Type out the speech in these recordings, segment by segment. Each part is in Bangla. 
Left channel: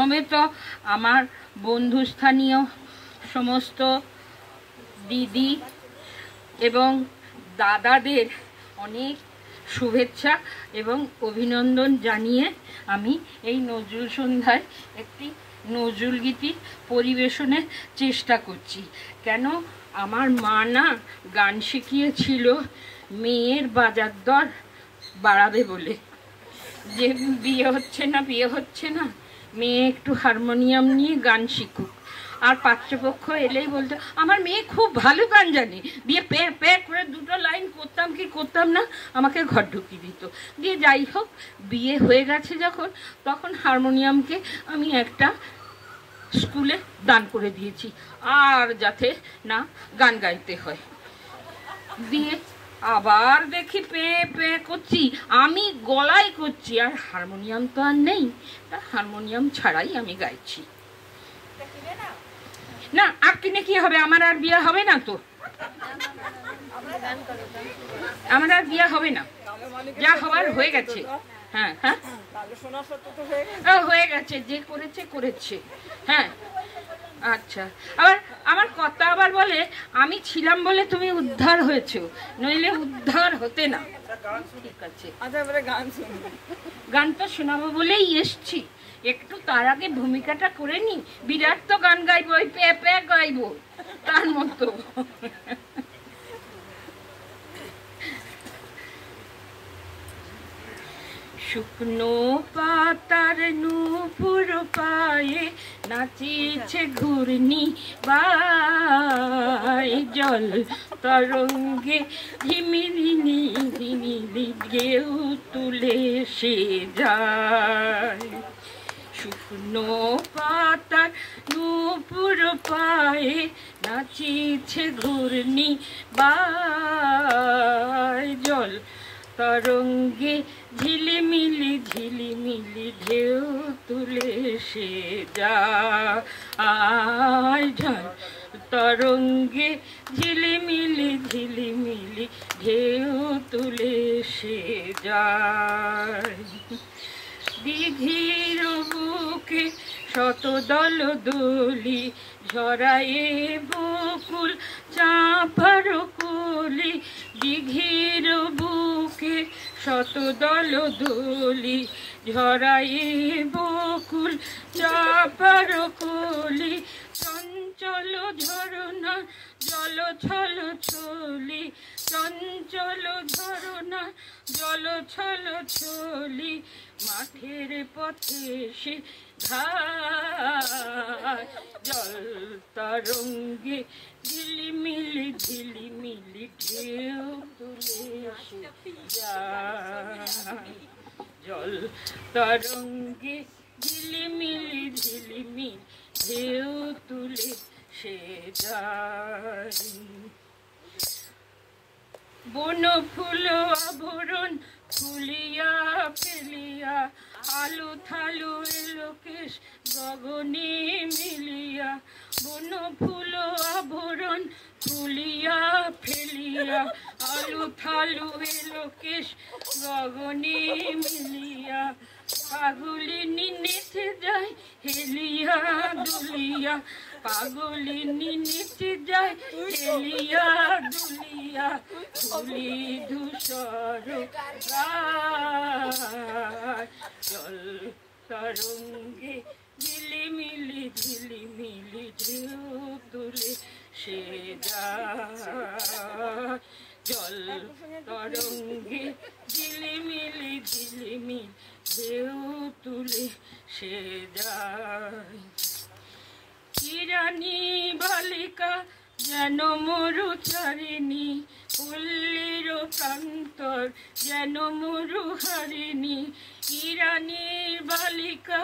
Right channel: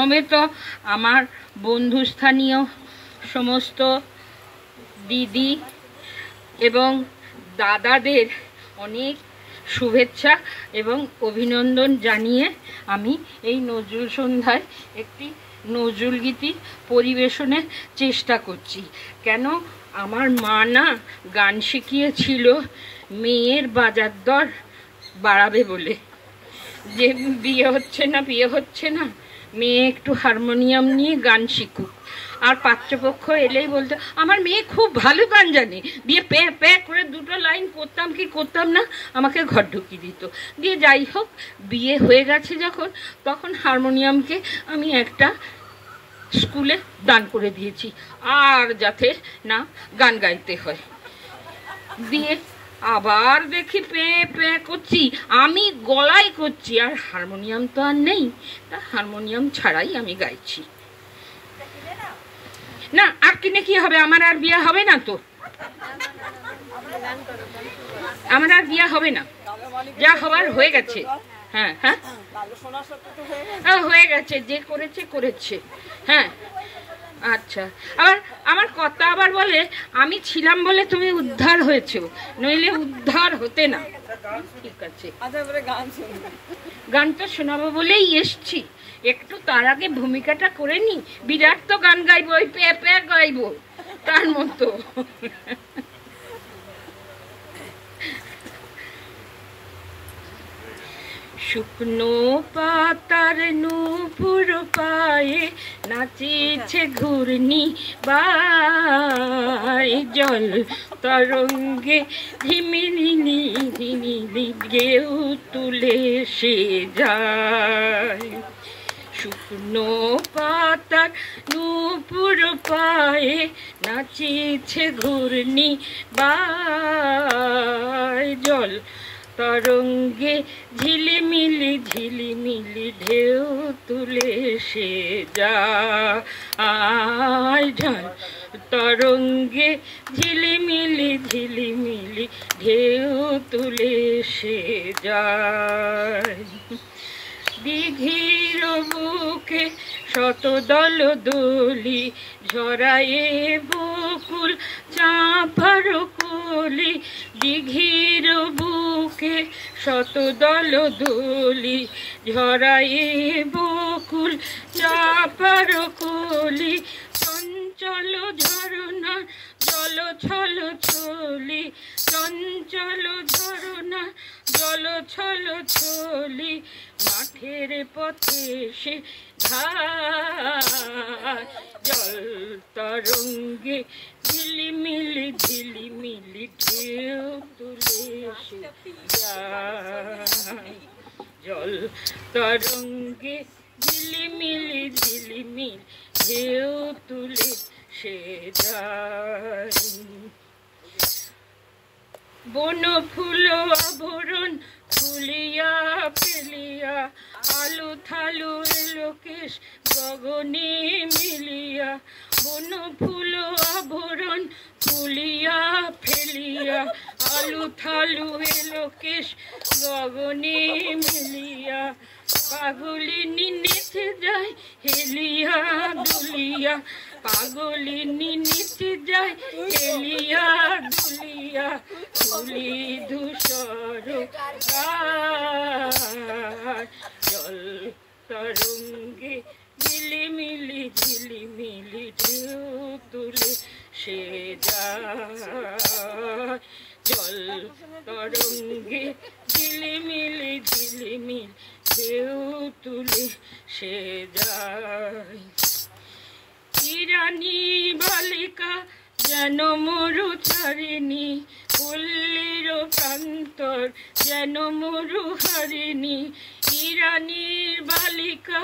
সমেত আমার বন্ধুস্থানীয় সমস্ত দিদি এবং দাদাদের অনেক শুভেচ্ছা এবং অভিনন্দন জানিয়ে আমি এই নজরুল সন্ধ্যায় একটি নজরুল গীতি পরিবেশনের চেষ্টা করছি। কেন আমার মা না গান শিখিয়েছিল মেয়ের বাজার দর বাড়াবে বলে, যে বিয়ে হচ্ছে না মেয়ে একটু হারমোনিয়াম নিয়ে গান শিখুক। আর পাত্রপক্ষ এলেই বলতো আমার মেয়ে খুব ভালো গান জানে, দিয়ে প্যাঁ প্যাঁ করে দুটো লাইন করতাম কি করতাম না, আমাকে ঘর ঢুকিয়ে দিত। দিয়ে যাই হোক, বিয়ে হয়ে গেছে যখন, তখন হারমোনিয়ামকে আমি একটা স্কুলে দান করে দিয়েছি, আর যাতে না গান গাইতে হয়। দিয়ে আবার দেখি পেয়ে পেয়ে করছি, আমি গলায় করছি, আর হারমোনিয়াম তো আর নেই, তা হারমোনিয়াম ছাড়াই আমি গাইছি। না আর কিনে কি হবে, আমার আর বিয়ে হবে না তো, আমার আর বিয়ে হবে না, যা হওয়ার হয়ে গেছে। হ্যাঁ হ্যাঁ হয়ে গেছে, যে করেছে। হ্যাঁ আচ্ছা, আবার আমার কথা আবার বলে আমি ছিলাম বলে তুমি উদ্ধার হয়েছো, নইলে উদ্ধার হতে না। ঠিক আছে, গানটা শোনাবো বলেই এসছি, একটু তার আগে ভূমিকাটা করে নি। বিরাট তো গান গাইবো, ওই প্যাঁ প্যাঁ গাইবো তার মতো। শুকনো পাতার নূপুর পায়ে নাচিছে ঘূর্ণি বায়, জল তরঙ্গে ঝিমিনি ঝিমিনি ঢেউ তুলে সে যায়। শুকনো পাতার নূপুর পায়ে নাচিছে ঘূর্ণি বায়, জল তরঙ্গে ঝিলিমিলি ঝিলিমিলি ঢেউ তুলে সে যায়। তরঙ্গে ঝিলিমিলি ঝিলিমিলি ঢেউ তুলে সে যায়। দিঘির বুকে শত দল দলি ঝরায়ে বকুল চাঁপার কলি, দিঘির বুকে শত দল দলি ঝরায়ে বকুল চাঁপার কলি, চঞ্চল ঝরনা জল ছল ছলি, চঞ্চল ঝরনা জল ছল ছলি, মাঠের পথে সে ঝায়, জল তরঙ্গে ঝিলিমিলি ঝিলিমিলি ঢেউ তুলে সে যায়, জল তরঙ্গে ঝিলিমিলি ঝিলিমিলি ঢেউ তুলে সে যায়। বন ফুল আভরণ ফুলিয়া ফেলিয়া, আলু থালু লোকেশ গগনে মিলিয়া, বন ফুল আভরণ ফুলিয়া ফেলিয়া, আলু থালু লোকেশ গগনে মিলিয়া, পাগলিনী নেচে যায় হেলিয়া দুলিয়া, পাগলিনী নেচে যায় হেলিয়া দুলিয়া, ধুলি ধূসর জল তরঙ্গে ঝিলিমিলি ঝিলিমিলি ঢেউ তুলে সে যায়, জল তরঙ্গে ঝিলিমিলি ঝিলিমিলি ঢেউ তুলে সে যায়। ইরানি বালিকা যেন মরু ছাড়িনি, পল্লীর প্রান্তর যেন মরু হারিনি, ইরানির বালিকা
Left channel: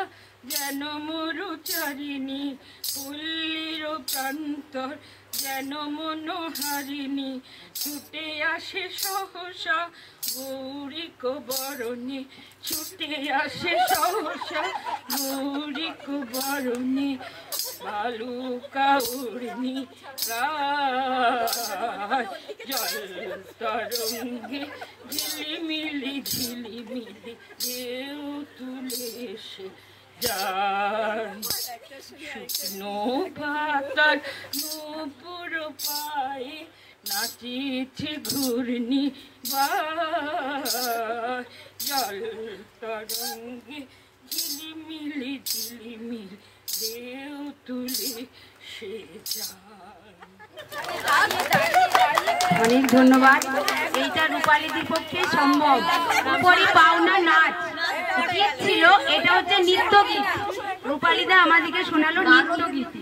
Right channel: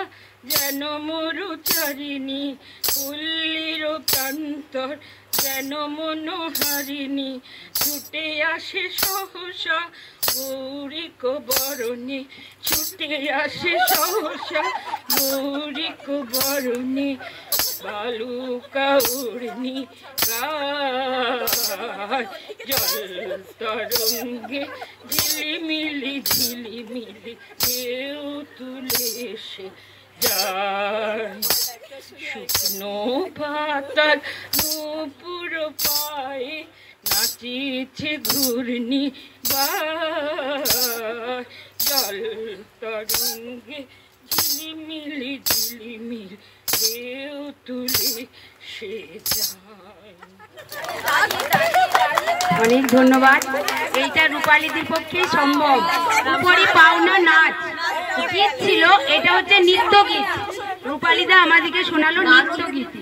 যেন মরু ছাড়িনি, পল্লীর প্রান্তর যেন মনোহারিণী, ছুটে আসে সহসা গৌরিক বরণে, ছুটে আসে সহসা গৌরিক বরণে, বালুকা উর্মি গায়, জল তরঙ্গে ঝিলিমিলি ঝিলিমিলি ঢেউ তুলে সে যায়। শুকনো পাতার নূপুর পায়ে নাচিছে ঘূর্ণি জল তরঙ্গে ঝিলিমিলি ঝিলিমিল ঢেউ তুলে সে যায়। অনেক ধন্যবাদ। এইটা রূপালীদের পক্ষে সম্ভব। উপরি পাওনা নাচ গীত ছিল, এটা হচ্ছে নৃত্য গীত। রূপালীদা আমাদেরকে শোনালো নৃত্য গীত।